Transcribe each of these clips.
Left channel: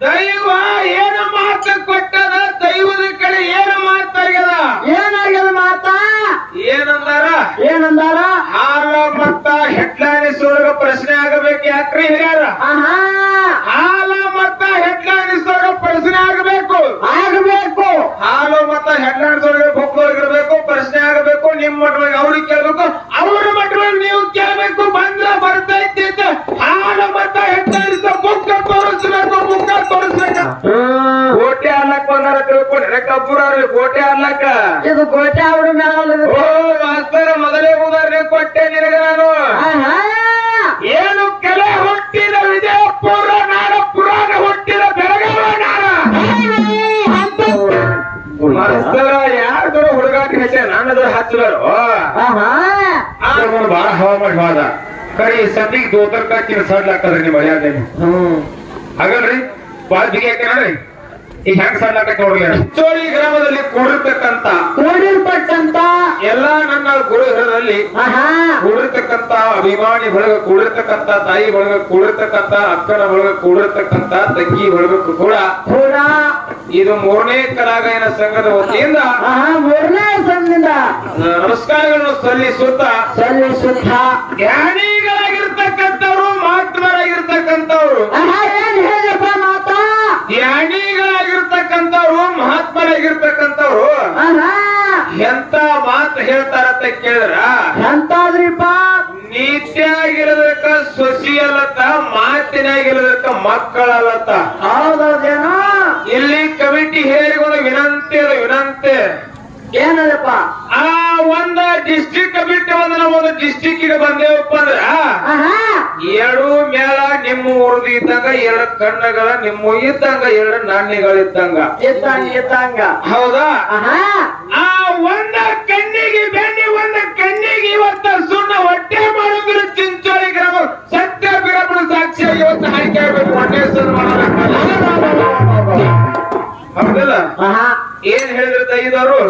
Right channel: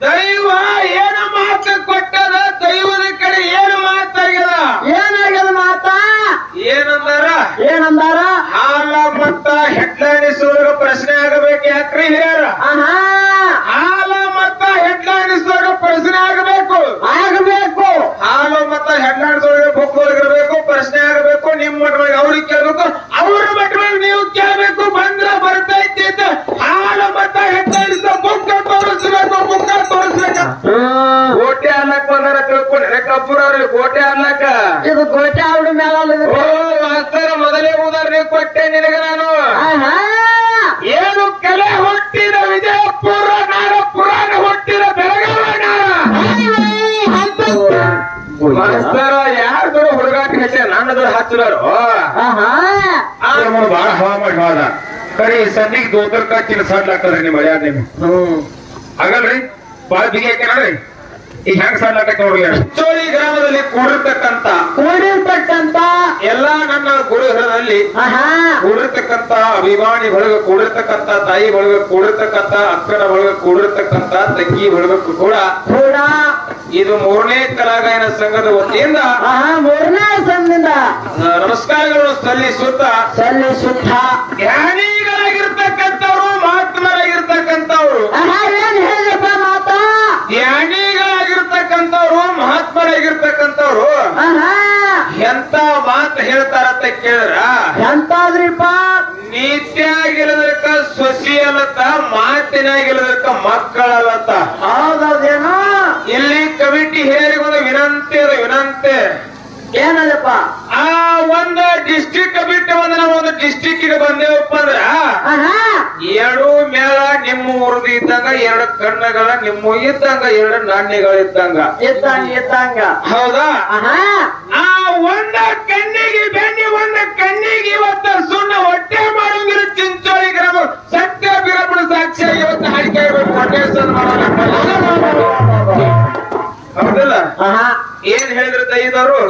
ದೈವ ಏನು ಮಾತು ಕೊಟ್ಟದ ಕಬ್ಬೂರ್ ಕೋಟೆ ಗೋಟೆ ಅಲ್ಲಕ್ಕ ಇದು ಗೋಟೆ ಅವಡು ಮೇಲೆ ಓ ಮಾಸ್ತರ ಮೊದಲೇ ಉದಾಹರಣೆ ಕೊಟ್ಟೆ ನಿನಗೆ ನಾನು. ಏನು ಕಲೆ ಹುಟ್ಟಿದ ವಿಜಯಪುರ ನಾಡ ಪುರಾಣ ಹುಟ್ಟಿದ ಬೆಳಗಾವ ಮಾಸ್ತರ ಯಾರ್ದು ಹುಡುಗಾಟ ಹೆಚ್ಚ ನನ್ನದ್ರ ಹಚ್ಚಲರು ಬಹಳ ಹವಾಮಾನ ಕರೆ ಈ ಸದ್ದಿಗೆ ದೋತರ್ಕ ಸಡ್ಲಾಕದ್ರಿ ನಿಮ್ಮ ಮಳ್ಯಾದ ನೀವು ಹಾಗಲ್ರಿ? ಬಾಳ ಬಿಗಿ ಈಗ ಹೆಂಗ್ ಸಡ್ಲಾಕ ನೋಡ್ರಿ ಚೋಳಿ ಗ್ರಾಮದಲ್ಲಿ ಕೂಡಿರ್ತಕ್ಕಂತ ಕೂಡಿರ್ತಕ್ಕಂತ ಎಲ್ಲಾ ನನ್ನ ಗುರುಗಳಲ್ಲಿ ಆಹಾ. ಕೂಡಿರ್ತಕ್ಕಂತ ಅಭಿಮಾನಿ ಬಳಗ ಕೂಡಿರ್ತಕ್ಕಂತ ತಾಯಿ ಬಳಗ ಕೂಡಿರ್ತಕ್ಕಂತ ಅಕ್ಕನ ಬಳಗ ಕೂಡಿರ್ತಕ್ಕಂತ ತಂಗಿ ಬಳಗ ಕೂಡ ಕೂಡ ಇದು ಮೂರನೇ ಕಲಾಗಾಯನ ಸಂಘದ ವತಿಯಿಂದ ಆಹಾ ಮೂರನೇ ಸಂದಿಂದ ಆ, ನಮಸ್ಕಾರಗಳು ಸಲ್ಲಿಸುತ್ತ ಸಲ್ಲಿಸುತ್ತ. ಜ್ಞಾನಿಗಳಾಗಿರ್ತಕ್ಕಂಥವ್ರು ಮಹಾತ್ಮರಾಗಿರ್ತಕ್ಕಂಥವ್ರು. ಆಹಾ ಏನ್ ಹೇಳಪ್ಪ ಮಾತಾ ಜ್ಞಾನಿಗಳಾಗಿರ್ತಕ್ಕಂಥವ್ರು ಮಹಾತ್ಮರಾಗಿರ್ತಕ್ಕಂಥವ್ರು ಆಹಾ. ಎಂತ ಮಾತು ಹೇಳ್ತಾರಂತ ಕೇಳಿದ್ರ? ಎಂತಾದ್ರಿಪ್ಪ? ನೀತಿಯಾಗಿರೋದಕ್ಕ ಸೊಸಿ ಅಲ್ಲತ್ತ ಮಾತಿನಾಗಿರೋದಕ್ಕ ಮಕ್ಕಳಲ್ಲತ್ತ. ಹೌದೇನ ಇಲ್ಲಿ ಕಮಿಟಿ ಹಿರಿಯರಿಗೊಂದು ವಿನಂತಿ ಅದ ವಿನಂತಿ. ಏನದಪ್ಪ? ಆ ಒಂದು ಡಿಸ್ಟಿಕ್ಗೆ ಬಂದೇವಪ್ಪ ಅಂದ್ರ ಎರಡು ಮೇಳ ನಿಮ್ಮ ಊರ್ದು ಇದ್ದಂಗ ಎರಡು ಕಣ್ಣುಗಳ ನಿಮ್ಮ ಇದ್ದಂಗ ಎರಡು ನಾಣ್ಯಗಳಿದ್ದಂಗ. ಇದ್ದಂಗ ಇದ್ದಂಗ ಹೌದಾ? ಆ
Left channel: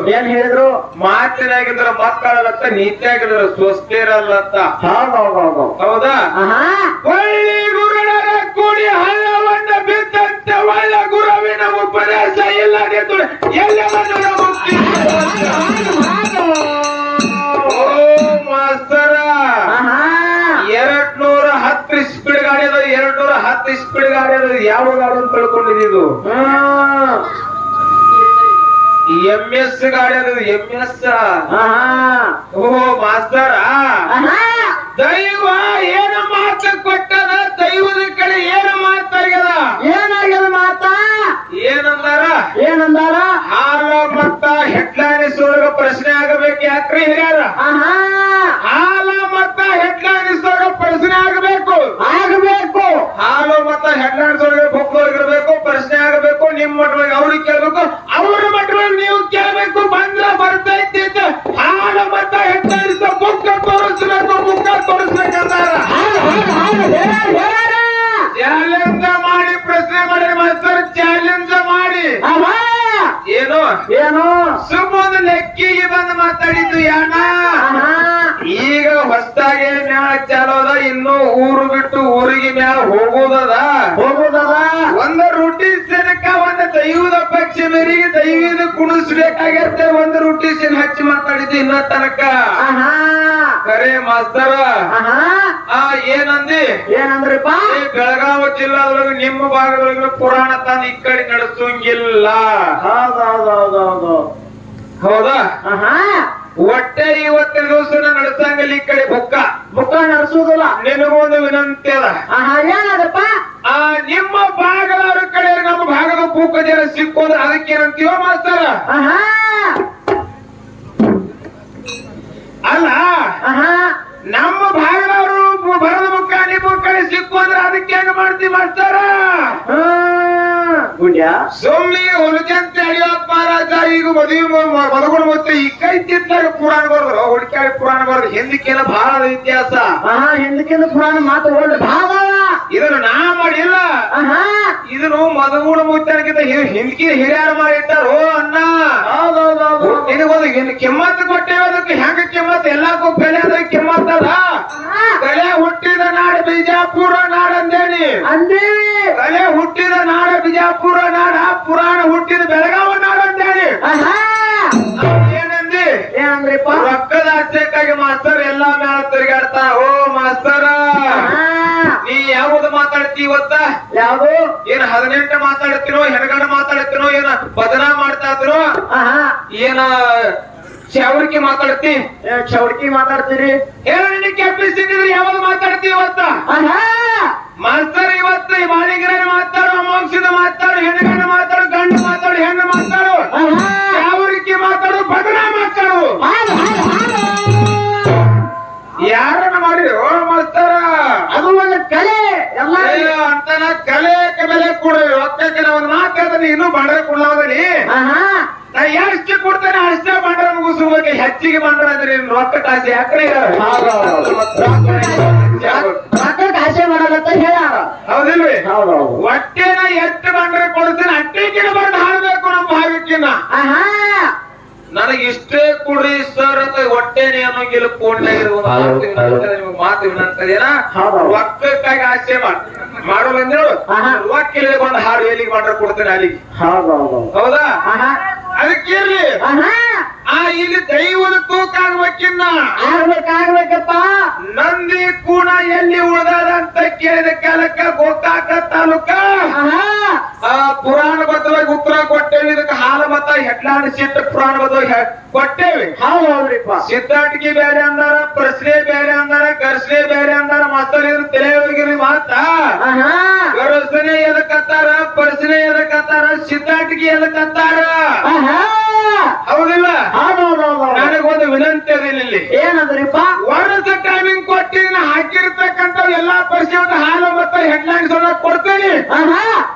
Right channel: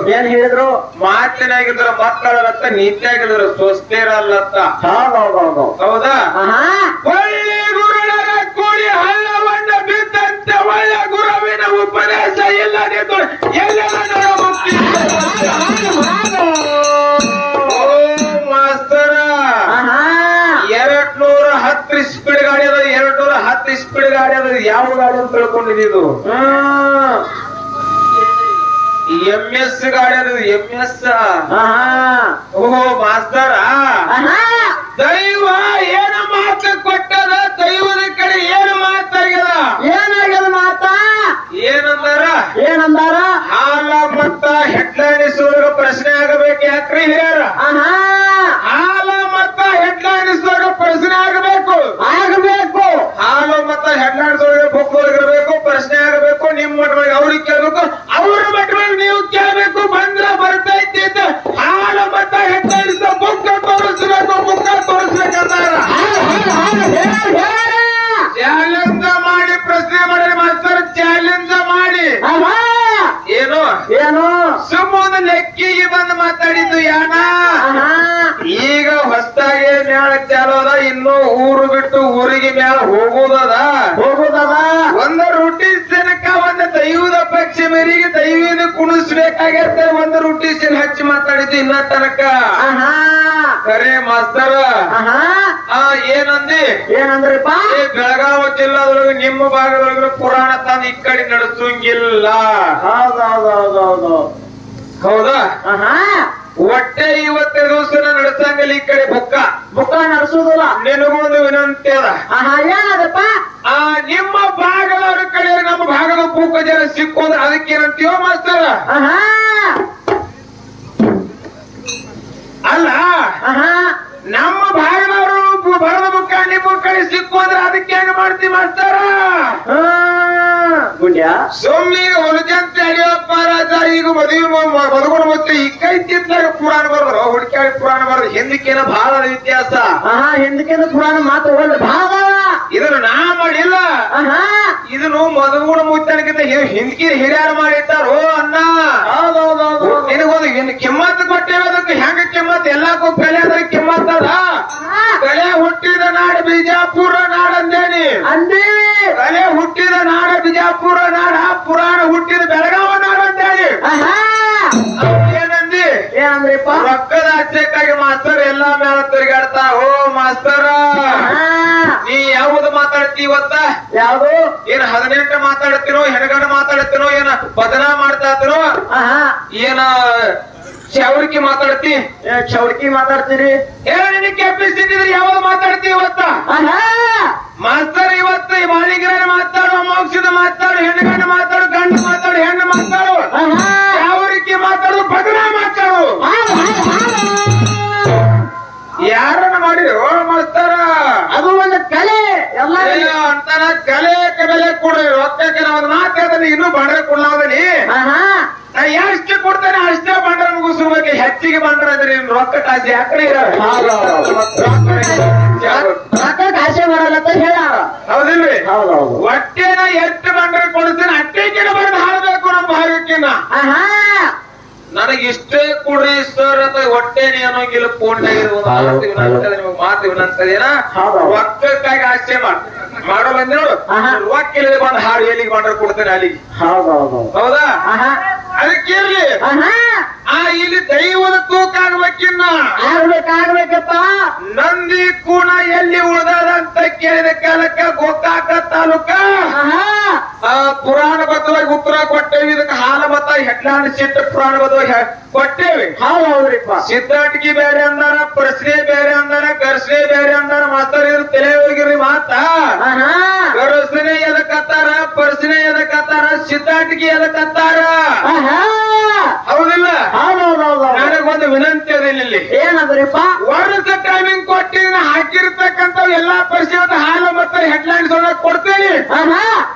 ಏನ್ ಹೇಳಿದ್ರು? ಮಾತಿನಾಗಿದ್ರ ಅಂತ. ನೀತಿಯಾಗಿದ್ರ ಸ್ವಸ್ಥೇರಲ್ಲತ್ತ ಹೌದೌದೌದು ಹೌದಾ? ಒಳ್ಳೆ ಗುರುಗಳ ಕೂಡಿ ಹಳ್ಳವನ್ನ ಬಿದ್ದಂತೆ ಒಳ್ಳೆ ಗುರುವಿನ ಉಪದೇಶ ಇಲ್ಲ ಮಾಸ್ತರ. ಎರಡು ನೂರ ಹತ್ತು ಸ್ಪೀಡ್ ಗಾಡಿ ಅದ ಎರಡ್ ನೂರ ಹತ್ತು ಸ್ಪೀಡ್ ಗಾಡಿ ಅದ ಯಾವ ಗಾಡಿ ಅಂತ ತಿಳ್ಕೊಂಡಿದ್ದು ಎಂ ಎಸ್ ಗಾಡಿ ಅದ ಎಂ ಎಸ್ ಓಹೋ ಮಾಸ್ತರ. ದೈವ ಏನ ಮಾತ ಕೊಟ್ಟದ? ದೈವದ ಕಡೆ ಏನ ಮಾತಾಗ್ಯದ ಏನಾಗ್ಯದ ಮಾತಾ? ಏನಂದಾರ? ಏನಂದಾರ? ಹಾಲ ಮತ್ತ ಹೆಡ್ಲೈನ್ ಪ್ರಶ್ನೆ ಆಗಬೇಕು ಯಾಕ್ರಿ ಹಿರಿಯರ? ಹಾಲ ಹೋಗುದದ? ಹೋಗೋದದ? ಒಂದು ರೊಟ್ಟಿ ಸೆನಕ ಒಂದು ದೈವದ ಪಕ್ಷ ಮೇರೆಗೆ ದೈವದ ಕುಣಿಸ್ಬೇಕಾಗಿರ್ತಾರೆ ಒಂದು ರೊಟ್ಟಿ ಸಿನ್ ಹಚ್ಚಿ ಮಾತಾಡಿದ್ದಿ ಇನ್ನ ತನಕ. ಕರೆ ಮಾಸ್ತರ. ಆ ಏನಂದಿ? ಏನಂದ್ರಪ್ಪ? ಬೆಳಗಾವಿ ಜಿಲ್ಲಾದೊಳಗೆ ನಿಮ್ಮ ಭಾಗದೊಳಗೆ ಪುರಾಣ ತಾನು ಈ ಕಡೆ ನಡೆಸಂಗಿಲ್ಲ ಹೌದಾ? ಒಟ್ಟೆ ಇವತ್ತೆ ದಿವಸ ನಡೆಸಂಗಿಲ್ಲ ಈ ಕಡೆ ಬುಕ್ಕ. ಬುಕ್ಕ ನಡೆಸುದಿಲ್ಲ. ನಿನಗೊಂದು ವಿನಂತಿ ಅದ. ಏನದಪ್ಪ ಆ ನಿಮ್ಮ ಭಾಗದವ್ರ ಕಡೆ ನಮ್ಮ ಭಾಗದ ಪೂಕ ಜನ ಸಿಕ್ಕೋದ್ರ ಅದಕ್ಕೆ ಏನಂತೀವ ಮಾಸ್ತರ. ಆಹಾ. ಅಲ್ಲ ಆಹಾ. ನಮ್ಮ ಭಾಗದವರು ಬರದ ಮುಖ ನಿಮ್ಮ ಕಡೆ ಸಿಕ್ಕೋದ್ರ ಅದಕ್ಕೆ ಮಾಡ್ತಿ ಮಾಡ್ತೀವಿ ಮಾಸ್ತರ ಸುಮ್ಮನೆ ಹೊಲಜಂತೆ ಅಡಿಯಪ್ಪ ರಾಜ ಈಗ ಮದುವೆ ಹಿಂದಕ್ಕೇನ ಬಹಳ ವ್ಯತ್ಯಾಸ? ಆಹಾ ಪುರಾಣ ಮಾತ್ರ ಒಳ್ಳೆ ಭಾವ ಇದನ್ನು ನಾ ಮಾಡಿಲ್ಲ. ಆಹಾ. ಇದನ್ನು ಮದುಗುಣ ಮುತ್ತನಕ್ಕಿಂತ ಹಿಂದಕಿ ಹಿರಿಯರು ಮಾಡಿಟ್ಟಾರೋ ಅನ್ನ ನಿನಗೊಂದು ಇನ್ನು ಕಿಮ್ಮತ್ ಕೊಟ್ಟೇವೆ ಅದಕ್ಕೆ ಹೆಂಗ ಕಿಮ್ಮತ್ ಎಲ್ಲಕ್ಕೂ ಬೆಲೆ ಅದ ಕಿಮ್ಮತ್ ಅದ. ಕಲೆ ಹುಟ್ಟಿದ ನಾಡ ಬಿಜಾಪುರ ನಾಡಂದೇನಿ ಅಂದೇ. ಬೆಲೆ ಹುಟ್ಟಿದ ನಾಡ ಬಿಜಾಪುರ ನಾಡ ಪುರಾಣ ಹುಟ್ಟಿದ ಬೆಳಗಾವ. ಇವತ್ತ ಯಾವ್ದು? ಏನ್ ಹದಿನೆಂಟು ಮಾತಾಡ್ತೀನೋ ಹೆಣಗಾಡ ಮಾತಾಡ್ತೀನೋ ಏನ ಬದನ ಮಾಡ್ತಾ ಇದ್ದೀನೋ? ಆಹಾ. ಏನ ಚವರಿಕೆ ಮಾತಾಡ್ತಿ? ಚೌಡ್ಕಿ ಮಾತಾಡ್ತೀರಿ. ಏನ ನಿನ್ನ ಕೆಪ್ಪಿಸಿದ್ರೆ ಯಾವ್ದು ಮಾತಾಡ್ತಿ ಇವತ್ತ? ಮಾಸ್ತರ್ ಇವತ್ತ ಈ ಮಾಳಿಗರ ಮಾತಾಡೋ ಮೋಕ್ಷದ ಮಾತಾಡೋ ಹೆಣ್ಣಗಡ ಆಸೆ ಮಾಡ ಬಂದ್ ನೋಡು. ರೊಕ್ಕ ಇಳಿದು ಬಂದು ಹಾಡು ಎಲ್ಲಿಗೆ ಮಾಡ್ರೆ ಕೊಡ್ತೇನೆ ಅಲ್ಲಿಗೆ. ಹೌದಾ ಹೌದಾ ಆಹಾ. ಇಲ್ಲಿ ದೈವದ ತೂಕ ಆಗ್ಬೇಕಿನ್ನ. ಆಗ್ಬೇಕಾಗ್ಬೇಕಪ್ಪ. ನಂದಿ ಕೂಡ ಎಲ್ಲಿ ಉಳಿದಾರ ಅಂತ ಕೇಳಿದ ಕಾಲಕ್ಕ ಗೋಕಾಕ ತಾಲೂಕ. ಪುರಾಣ ಬದ್ಧವಾಗಿ ಉತ್ತರ ಕೊಟ್ಟೇವಿ. ಇದಕ್ಕೆ ಹಾಲ ಮತ ಹೆಡ್ಲಾಂಡ್ ಸಿಟ್ಟು ಪುರಾಣ ಬದ್ಧವಾಗಿ ಕೊಟ್ಟೇವಿ. ಹೌದು ಹೌದ್ರಿಪ್ಪ ಸಿದ್ಧಾಟಿಗೆ ಬೇರೆ ಅಂದಾರ ಪ್ರಶ್ನೆ ಬೇರೆ ಅಂದಾರ ಗರ್ಸನೆ ಬೇರೆ ಅಂದಾರ ಮಾತಾಡಿ ತಲೆ ಹೋಗಿರಿ ಮಾತ. ಆಹಾ. ಗರ್ಸನೆ ಎದಕ್ಕತ್ತಾರ ಪ್ರಶ್ನೆ ಎದಕ್ಕತ್ತಾರ ಸಿದ್ಧಾಟಿಗೆ ಎದಕ್ಕತ್ತಾರ ಆಹಾ ಹೌದಿಲ್ಲ ಹೌದೌದೌದು ನನಗೊಂದು ವಿನಂತಿ ಅದ ಇಲ್ಲಿ ಏನಂದ್ರಿಪ್ಪ? ವರ್ಷ ಟೈಮಿಂಗ್ ಕೊಟ್ಟಿ ಹಾಕಿರ್ತಕ್ಕಂಥ ಎಲ್ಲಾ ಪರಿಚಯದ ಹಾಲು ಮತ್ತೆ ಹೆಡ್ಲೈನ್ಸ್ ಕೊಡ್ತೀನಿ.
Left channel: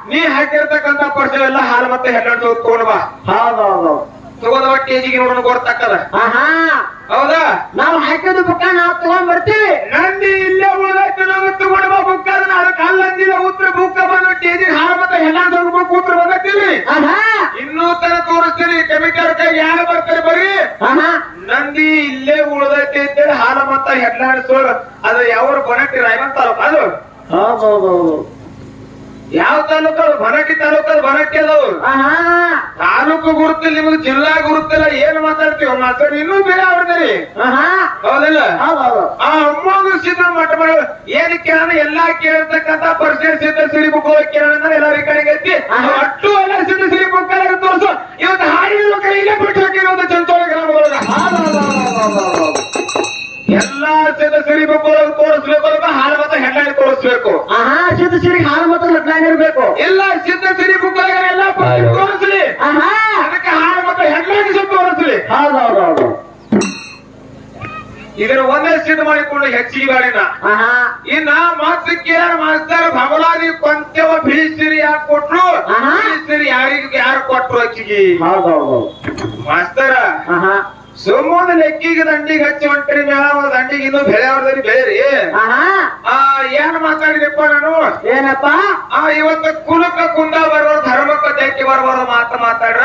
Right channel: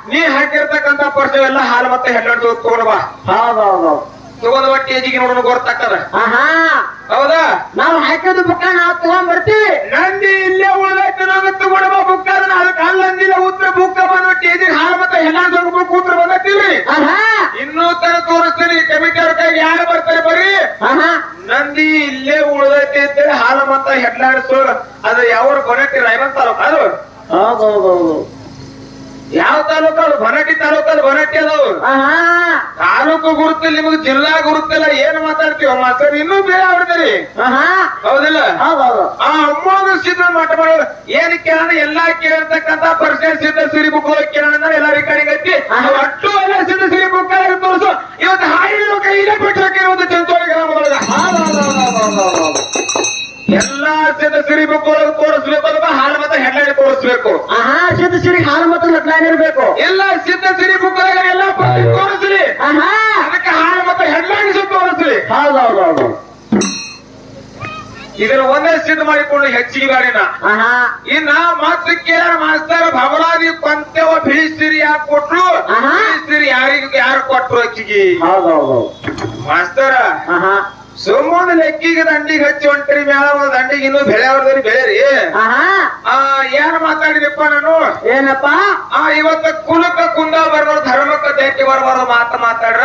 ನೀ ಹಾಕಿರ್ತಕ್ಕಂಥ ಪರಿಸ್ಥಿತಿ ಎಲ್ಲ ಹಾಲು ಮತ್ತೆ ಹೆಡ್ಲೈನ್ಸ್ ತಗೊಂಡ್ ಬಾ. ಹೌದೌದು. ಟೇಜಿಗೆ ನೋಡೋಣ ಆಹಾ. ಹೌದಾ? ನಾವು ಹಾಕಿದ ಬುಕ್ಕ ನಾವು ತಗೊಂಡ್ ಬರ್ತೀವಿ. ನಂದಿ ಇಲ್ಲೇ ಉಳಿದೈತೆ ನಾವು ತಗೊಂಡ್ ಬಾ ಬುಕ್ಕ ನಾಲ್ಕು ಅಲ್ಲಂದಿಲ್ಲ ಉತ್ತರ ಬುಕ್ಕ ಬಂದ ಟೇಜಿಗೆ ಹಾಲು ಮತ್ತೆ ಹೆಡ್ಲೈನ್ಸ್ ಬುಕ್ ಕೂತ್ರ ಬಂದೈತಿಲ್ರಿ ಆಹಾ. ಇನ್ನೂ ತರ ತೋರಿಸ್ತೀನಿ. ಕೆಮಿಕಲ್ ಕೈ ಯಾರು ಬರ್ತಾರೆ ಬರ್ರಿ ನಂದಿ ಇಲ್ಲೇ ಉಳ್ದೈತಿ ಅಂತೇಳಿ ಹಾಲು ಮತ್ತ ಹೆಡ್ಲಾಡ್ಸು ಅದು ಯಾವ ಬನಟ್ಟಿ ರಾಯಬಂತ ಹಾ ಅದು? ಹೌದೌದೌದು. ಯಾವ ತಾಲೂಕು ಅದು? ಬನಟ್ಟಿ ತಾಲೂಕು ಅದು? ತಾಲೂಕು ಗುರುತಿಲ್ಲ ನಿಮಗೆ ಜಿಲ್ಲಾ ಗುರುತಿಲ್ಲ ಏನು ಮಾತಾಡ್ತೀವಿ ಮಾತ್ರ ಇನ್ನೂ ಬೇರೆ ಆಡ್ತೀರಿ. ಹೌದಿಲ್ಲ ಹೌದೌದು ಆ ಅಮ್ಮನ ಸಿದ್ಧ ಮಠ ಮಾಡಿ ಏನ್ ಕಿರಣ? ಎಲ್ಲಾ ಕೇಳಿರ್ತಕ್ಕಂತ ಪರ್ಸೆಂಟ್ ಸಿದ್ಧ ಸಿರಿ ಬುಕ್ ಕೇಳೋಣ ಎಲ್ಲ ರೆಕಾರ್ಡಿಂಗ್ ಐತಿ. ಅಷ್ಟು ಎಲ್ಲ ಸಿದ್ಧ ಸಿರಿ ಬುಕ್ ತೋರಿಸು. ಇವತ್ತು ಹಾಡಿನ ಕೈಲೇ ಬಿಟ್ಟಿರೋದು ಚಂಚೋಳ ಹೌದೌದೌದೌದೌದು ಎಲ್ಲಾ ಸಿದ್ಧ ಸಿರಿ ಬುಕ್ ಒಳಗೆ ತೋರಿಸ್ಬೇಕು ಅಂದ್ರೆ ಹಾಲು ಮತ್ತೆ ಹೆಣ್ಣಾಡಿ ತೋರಿಸ್ಬೇಕು. ಆಹಾ ಸಿದ್ಧ ಸಿರಿ ಹಾಲು ಮತ್ತು ಲಟ್ಲೈನ್ ಇರ್ಬೇಕು ಎಲ್ಲ ಸಿದ್ಧ ಸಿರಿ ಬುಕ್ ಒಳಗೆ ಎಲ್ಲ ತೋರಿಸ್ರಿ. ಆಹಾ. ಇದನ್ನ ಒಂದೇ ಸಿದ್ಧ ಮಾಡಿಕೊಂಡು ಹೆಚ್ಚಿಗೆ ಬಾಡಿನ ಇನ್ನ ಮಾತು ಕೇಳ ಮಾಸ್ತರ್ ಭವಲಾದಿ ಕೊಂತೆವ ಭೀಸಿರಿ ಯಾಕೆ ಕೊಟ್ರು. ಭೀಸಿರಿ ಯಾರಿಗೆ ಯಾರು ಕೊಟ್ರು ಹೆಚ್ಚಿಗೆ? ಮಾಸ್ತರ ಸುಮ್ಮನೆ ಲೆಕ್ಕಿಗೆ ದಂಡಿಗೆ ಹಚ್ಚಿ ಹೊಂಟ್ರಿ ಮ್ಯಾವ ದಂಡಿಗೆ ಇನ್ನೂ ಬೆಳೆ ಬೇರೆ. ಆಹಾ. ಆ ಏನ್ ಮಾತಾಡಿದಪ್ಪ ನಾನು? ಏನಪ್ಪ? ಆ ಇವತ್ತ ಕುಲಕ್ಕ ಕುಂದ ಬರೋರು ಧರ್ಮಕ್ಕ ಜಾಕಿ ಬರೋರು ಮಾತ ಮಾತಾಡ್ರ?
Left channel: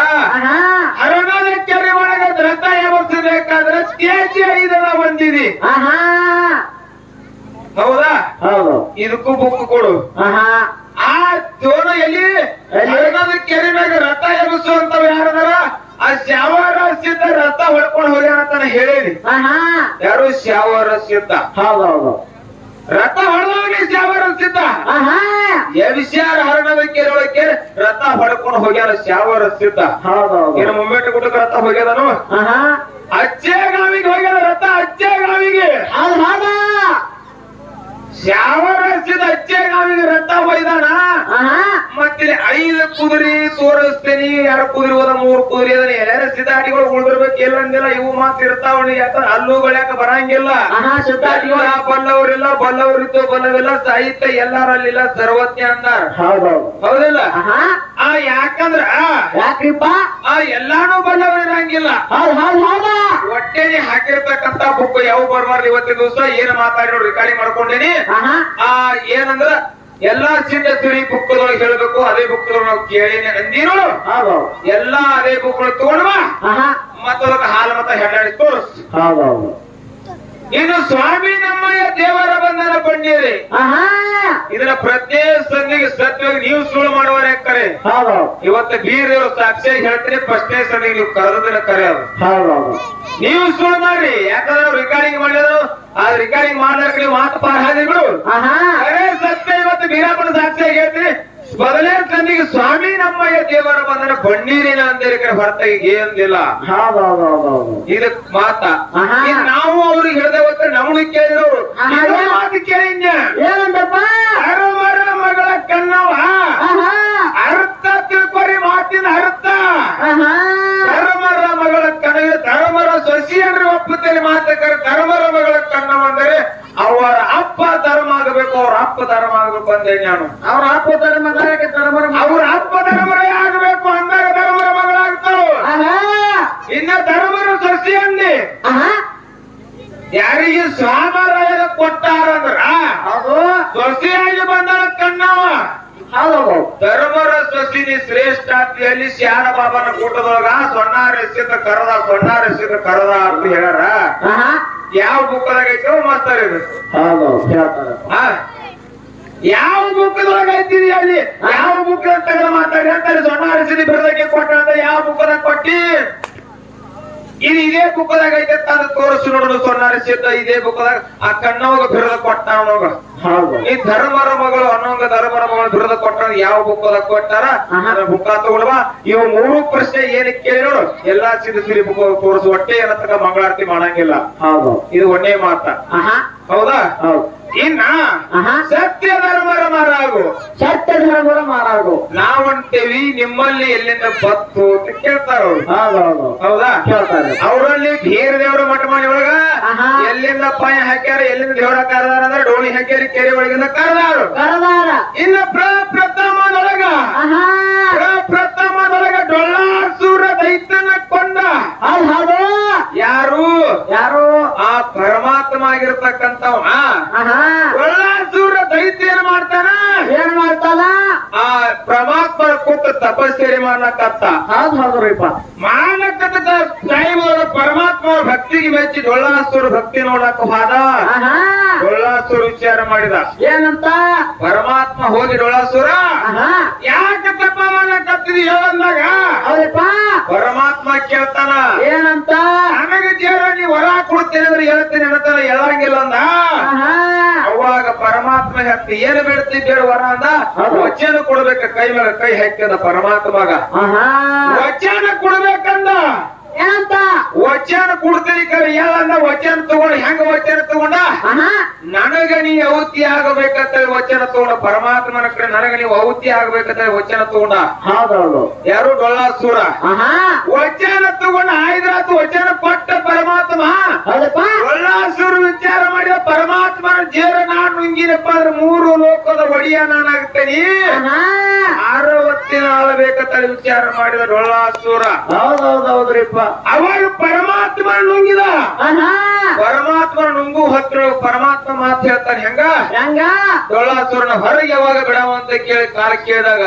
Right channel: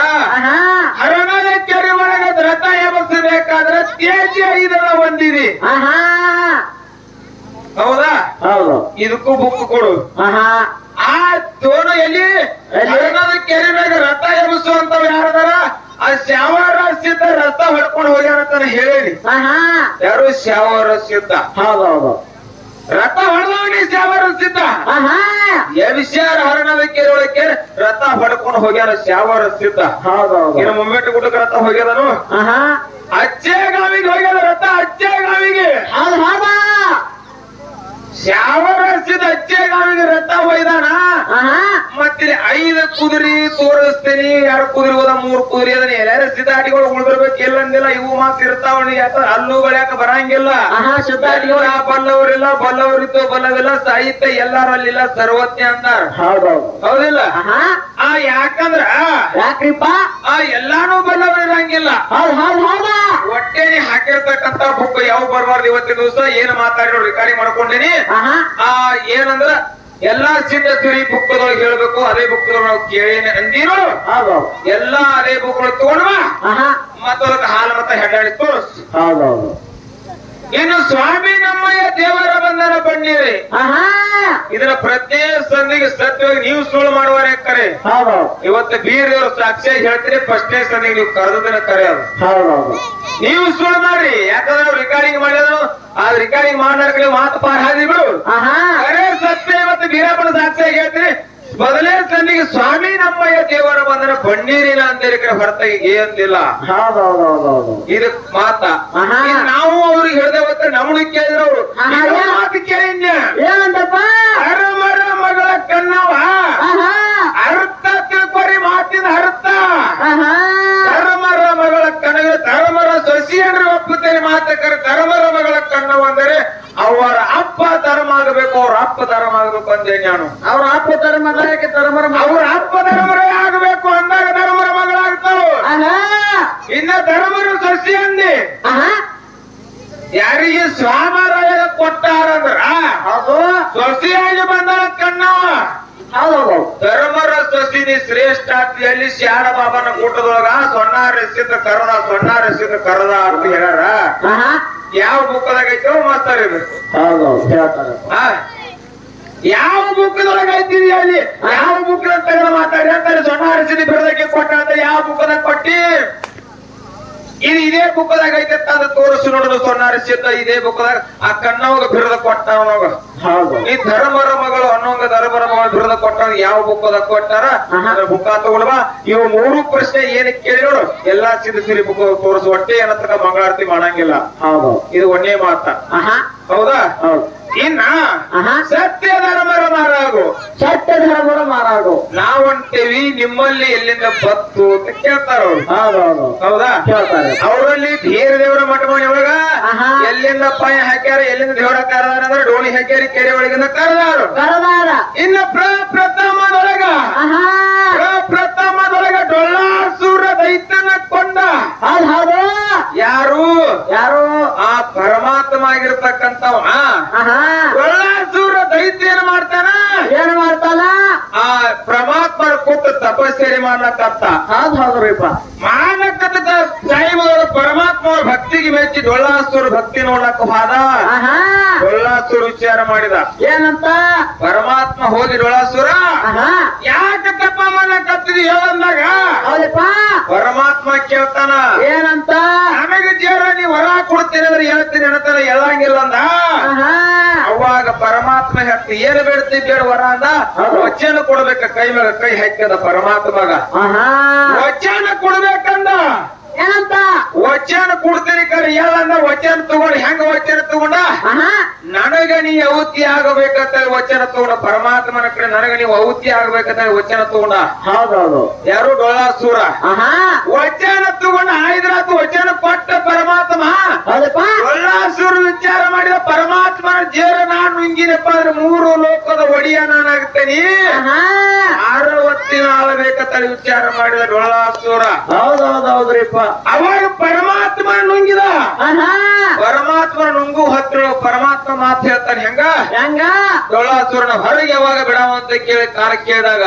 ಅರಣ್ಯ ಲೆಕ್ಕರಿ ಕೆರೆ ಒಳಗೆ ರಥ ಎಬರ್ಸಬೇಕಾದ್ರೆ ತೇಜಿ ಐದನ ಬಂದಿದೆ ಹೌದಾ? ಹೌದು. ಇದಕ್ಕೂ ಬುಕ್ ಕೊಡು. ಆ ತೋಣ ಎಲ್ಲಿ? ಕೆರೆ ಮ್ಯಾಗ ರಥ ಅಂತ ಯಾರದಾರ? ಆ ಶ್ಯಾವರ ಸಿದ್ಧ ರಥ ಹೊಡ್ಕೊಂಡು ಹೋಗ್ಯಾರ ಅಂತ ಹೇಳಿ ಆಹಾ. ಯಾರು ಶ್ಯಾವರ ಸಿದ್ಧ ಹೌದೌದು ರಥ ಹೊಡೆದವನೇ ಶ್ಯಾವರ ಸಿದ್ಧ. ವಿಷಯ ಹರಣದ ಕೆರೆ ರಥ ಹೊಡ್ಕೊಂಡು ಹೋಗ್ಯಾರ ಶ್ಯಾವರ ಸಿದ್ಧ. ಹೌದೌದು. ಏನು ಮುಂಬೆಟ್ಟು ಗುಡ್ಡಕ್ಕೆ ರಥ ಹೋಗ್ಯದನು? ಆಹಾ. ಅಚ್ಚೇ ಗಾವಿಗೆ ಹೋಗ್ಯದ ರಥ ಅಜ್ಜೆ ಗಾವಿಗೆ ಅಚ್ಚೇ ಗಾವಿಗೆ ರಥ ಬೈದಾನ ಮತ್ತಿಲ್ಲಿ ಮತ್ತೆ ಐದು ಕುದುರೆ ತೋರಿಸ್ತೀನಿ ಎರಡು ಕುದುರೆ ಹೋದ ಮೂರು ಕುದುರೆ ಅದನ್ನ ಎಲ್ಲಾರ ಸಿದ್ಧಾಟಿಗಳು ಉಳಿದಿರ್ಬೇಕು ಎಲ್ಲಂದಿಲ್ಲ ಇವು ಮಾತು ಇರ್ತಾವ ಅಲ್ಲೂ ಬೆಳ್ಯಾಕ ಬರಂಗಿಲ್ಲ. ಸಿದ್ಧಾಟಿಗಳು ಆ ಬಲ್ಲವರಿಲ್ಲ ಬಲ್ಲವರಿದ್ದು ಬಲ್ಲವಿಲ್ಲ ಸಾಹಿತ್ಯ ಎಲ್ಲರಲ್ಲಿಲ್ಲ ಸರ್ವಜ್ಞ ಅಂತ ಹೌದೌದು. ಹೌದಿಲ್ಲ? ಆಹಾ ಆ ಯಾಕಂದ್ರ? ಯಾಕ್ರಿಪ್ಪ? ಆ ಎಲ್ಲಾನು ಬಲ್ಲವರಿರಂಗಿಲ್ಲ. ಹೊಟ್ಟೆನೆ ಹಾಕಿರ್ತಕ್ಕಂತ ಬುಕ್ ಯಾವ ಬರ್ಬಾರ್ದು ಇವತ್ತಿನ ದಿವಸ? ಏನ್ ಮಾತಾಡಿರೋ ರೆಕಾರ್ಡಿಂಗ್ ಮಾಡ್ಕೊಂಡೇನಿ. ಆ ಏನಂದ್ರ ಎಲ್ಲಾ ಚಿನ್ನ ಸಿರಿ ಬುಕ್ ಹೇಳ್ಬೇಕು ಅದೇ ಬುಕ್ ನಾವು ಕೇಳೇನೆ ಅಂದಿರು. ಎಲ್ಲಾ ಅದೇ ಬುಕ್ ತಗೊಂಡ್ವ ಆಹಾ. ಮತ್ತ ಹಾಲು ಮತ್ತ ಹೆಡ್ಡಾಡಿ ತೋರಿಸ್. ಇನ್ನು ಸ್ವಾಮಿ ನಮ್ಮಯ್ಯ ದೇವರ ಬಂಧನ ಬಣ್ಣೀರಿ. ಇದರ ಪ್ರತಿ ಸಂದಿಗೆ ಸತ್ಯವಾಗಿ ನೀವು ಸುಳ್ಳು ಮಾಡುವರೆ ಕರೆ. ಇವತ್ತು ಬೀರ್ ಸಾಕ್ಷಿ ಹೇಳ್ತೀರಿ ಫಸ್ಟ್ನೇ ಸಂದಿಗೆ ನೀವು ಕರೆದ್ರೆ ಕರೆ ಅದು. ನೀವು ಸುಳ್ಳು ಮಾಡಿ ಯಾಕಂದ್ರೆ ರೆಕಾರ್ಡಿಂಗ್ ಮಾಡೋದು ಆ ರೆಕಾರ್ಡಿಂಗ್ ಮಾಡ್ಲಾರ್ಕ ನೀವು ಮಾತು ಪಾರ ಹಾದಿ ಬಿಡು. ಅರೆ ಸತ್ಯ ಇವತ್ತು ಬೀರಾಪನ ಸಾಕ್ಷಿ ಹೇಳ್ತೀರಿ ಮೊದಲೇ ತಂದಿಗೆ ಸ್ವಾಮಿ ನಮ್ಮಯ್ಯ ದೇವರ ಬಂಧನ ಬಣ್ಣೀರಿನ ಅಂತೇಳಿ ಕಡೆ ಹೊರತಾಗಿ ಏನಿಲ್ಲ ಇದಕ್ ಮಾತ. ನಾವು ಅವ್ರಿಗೆ ಹೇಳ್ದೆ ಗೊತ್ತ? ನಮ್ಮನ್ನ ಕೇಳಿದ್ರು. ಮಾತು ಕೇಳಿದ್ಯ ಏನಂತಪ್ಪ? ಅರುಮರ ಮಗಳ ಕಣ್ಣವ. ಅರ್ಥ ತಿಳ್ಕೊರಿ ಮಾತಿನ ಅರ್ಥ. ಧರ್ಮರ ಮಗಳ ಕನವ ಧರ್ಮರ ಸೊಸಿಯನ್ರಿ ಒಪ್ಪುತ್ತೇನೆ ಮಾತಕರ ಧರ್ಮರ ಮಗಳ ಕನ್ನವ ಅಂದರೆ ಅವರ ಅಪ್ಪ ಧರ್ಮ ಆಗಬೇಕು ಅವ್ರ ಅಪ್ಪ ಧರ್ಮ ಆಗಬೇಕು ಅವರ ಅವ್ರ ಅಪ್ಪ ಧರ್ಮ ಮಗಕ್ಕೆ ಧರ್ಮರ ಅವ್ರ ಅಪ್ಪ ಧರ್ಮರೇ ಆಗಬೇಕು ಅಂದಾಗ ಧರ್ಮರ ಮಗಳಾಗ್ತಾಳು. ಇನ್ನ ಧರ್ಮರ ಸಸಿ ಅಂದಿ. ಯಾರಿಗೆ ಸ್ವಾಮರಾಯ ಕೊಟ್ಟಾರಂದ್ರ ಅದು ಸೊಸಿಯಾಗಿ ಬಂದಳ ಕಣ್ಣವ. ಧರ್ಮರ ಸಸಿನಿ ಶ್ರೇಷ್ಠ ಅಂತ ಹೇಳಿ ಶಾಣ ಬಾಬನ ಕೂಟದೊಳಗ ಸೊನ್ನಾರ ಎಸಿದ ಕರದ ಸೊನ್ನಾರ ಎಸಿದ ಕರದ ಅಂತ ಹೇಳ್ಯಾರ. ಯಾವ ಬುಕ್ಕದಾಗ ಐತೋ ಮಾಸ್ತಾರ ಇದು. ಹೌದು ಹೇಳ್ತಾರ? ಯಾವ ಬುಕ್ಕದೊಳಗ ಇದ್ದೀರಿ ಅಲ್ಲಿ? ಯಾವ ಮುಖ ಅಂತ ತೆಗೆದು ಮಾತಾಡಿ ಅಂತಾರೆ ಸೊಣ್ಣ ಬೆಳಗ್ಗೆ ಕೊಟ್ಟ ಅಂತ ಯಾವ ಬುಕ್ಕದಾಗ ಕೊಟ್ಟಿ? ಇದು ಇದೇ ಬುಕ್ಕದಾಗ ಐತೆ ಅಂತ ಅದು ತೋರಿಸಿ ನೋಡುದು ಸೊನ್ನಾರ ಸಿದ್ಧ ಇದೇ ಬುಕ್ಕದಾಗ. ಆ ಕಣ್ಣವಾಗ ಬಿರದ ಕೊಟ್ಟ ಅವಾಗ. ಈ ಧರ್ಮರ ಮಗಳು ಅನ್ನೋಂಗ ಧರ್ಮರ ಮಗಳು ಬಿರದ ಕೊಟ್ಟ ಯಾವ ಬುಕ್ಕದಾಗ ಕೊಟ್ಟಾರ? ಆಹಾ. ಬುಕ್ಕ ಇವ್ ಇವು ಮೂರು ಪ್ರಶ್ನೆ ಏನಕ್ಕೆ ಕೇಳಿ ನೋಡು. ಎಲ್ಲಾ ಸಿರಿ ಸಿರಿ ಬುಕ್ ತೋರಿಸು. ಒಟ್ಟೆ ಏನಂತ ಮಂಗಳಾರತಿ ಮಾಡಂಗಿಲ್ಲ. ಹೌದು. ಇದು ಒಳ್ಳೆ ಮಾತ. ಹೌದಾ? ಹೌದು. ಇನ್ನ ಸತ್ಯ ಧರ್ಮರ ಮಾರಾಗು ಸತ್ಯ ಧರ್ಮರ ಮಾರಾಗು ನಾವಂತೇವಿ ನಿಮ್ಮಲ್ಲಿ ಎಲ್ಲಿಂದ ಬತ್ತು ಅಂತ ಕೇಳ್ತಾರ ಅವ್ರು ಹೌದು? ಕೇಳ್ತಾರೆ. ಅವರಲ್ಲಿ ಧೀರ ದೇವರ ಮಠ ಮಾಡಿ ಒಳಗ. ಎಲ್ಲಿಂದ ಪಾಯ ಹಾಕ್ಯಾರ ಎಲ್ಲಿಂದ ದೇವರ ಕರೆದಾರ ಅಂದ್ರೆ ಡೋಣಿ ಹಾಕ್ಯಾರ ಕೆರೆ ಒಳಗಿಂದ ಕರೆದಾರು. ಕರದಾರ. ಇನ್ನು ಪ್ರಪ್ರಥಮದೊಳಗ ಪ್ರಪ್ರಥಮದೊಳಗ ಡೊಳ್ಳಾಸೂರ ದೈತ್ಯನ ಕೊಂಡ. ಯಾರು? ಯಾರು? ಪರಮಾತ್ಮ ಆಗಿರ್ತಕ್ಕಂಥವ ಹಾ ದೈತ್ಯ ಏನ್ ಮಾಡ್ತಾನ? ಏನ್ ಮಾಡ್ತಾನ? ಆ ಪರಮಾತ್ಮರ ಕೊಟ್ಟು ತಪಸ್ಸೇರಿ ಮಾಡ್ಲಕ್ಕಂತ ಹೌದು ಹೌದ್ರಿಪ್ಪ ಮಾನಕದ ಟೈಮ್ ಅವರ ಪರಮಾತ್ಮ ಭಕ್ತಿಗೆ ಮೆಚ್ಚಿ ಡೊಳ್ಳಾಸುರ ಭಕ್ತಿ ನೋಡಕ್ ಹೋದ. ಡೊಳ್ಳಾಸುರ ವಿಚಾರ ಮಾಡಿದ. ಏನಂತ? ಪರಮಾತ್ಮ ಹೋಗಿ ಡೊಳ್ಳಾಸುರ ಯಾಕೆ ತಪ್ಪ ಮಾಡಕತ್ತಿದಿ ಹೇಳಂದಾಗ? ಪರಮಾತ್ಮ ಕೇಳ್ತಾನ. ಏನಂತ ನನಗೆ ಜೇರ ನೀ ವರ ಕೊಡ್ತೇನೆ ಅಂದ್ರೆ ಹೇಳ್ತೀನಿ ಹೇಳ್ತಾನೆ ಹೇಳಂಗಿಲ್ಲ ಅಂದ ಆಹಾ ಅವಾಗ ಪರಮಾತ್ಮ ಹೇಳ್ತಿ ಏನು ಬೇಡ್ತಿ ಬೇಡ ವರ ಅಂದ? ವಚನ ಕೊಡ್ಬೇಕ ಕೈ ಮ್ಯಾಗ ಕೈ ಹಾಕ್ತದ ಪರಮಾತ್ಮಗ. ವಚನ ಕೊಡ್ಬೇಕಂದ? ಏನಂತ? ವಚನ ಕೊಡ್ತೀರಿ ಕರೆ ಯಾರಂದ ವಚನ ತಗೊಂಡ್ ಹೆಂಗ ವಚನ ತಗೊಂಡ? ನನಗ ನೀ ಅವತಿ ಆಗಬೇಕಂತ ವಚನ ತಗೊಂಡ ಪರಮಾತ್ಮನ ಕಡೆ ನನಗ ನೀವು ಅವತಿ ಆಗ್ಬೇಕಂತ ವಚನ ತಗೊಂಡ? ಹೌದೌದು ಯಾರು? ಡೊಳಾಸುರ ವಚನ ತಗೊಂಡ ಆಯ್ದಾತು ವಚನ ಕೊಟ್ಟ ಪರಮಾತ್ಮ. ಡೊಳ್ಳಾಸುರ ವಿಚಾರ ಮಾಡಿದ ಪರಮಾತ್ಮ ಜೇರ ನಾನು ಹಿಂಗಿನಪ್ಪ ಅಂದ್ರೆ ಮೂರು ಲೋಕದ ಒಡೆಯ ನಾನಾಗ್ತೇನೆ ಆಹಾ. ಆರು ಆಳಬೇಕ ಆಳಬೇಕಂತ ವಿಚಾರ ಮಾಡಿದ ಡೊಳ್ಳಾಸೂರ ಹೌದೌದೌದ್ರಿಪ್ಪ ಅವಾಗ ಪರಮಾತ್ಮ ನುಂಗಿದ ಪರಮಾತ್ಮನ ನುಂಗು ಹತ್ರ ಪರಮಾತ್ಮ ಮಾತು ಹೇಳ್ತಾನೆ ಹೆಂಗ? ಹೆಂಗ? ಡೊಳ್ಳಾಸುರನ ಹೊರಗೆ ಯಾವಾಗ ಬಿಡಾವ ಅಂತ ಕೇಳಿ ಕಾರ ಕೇಳಿದಾಗ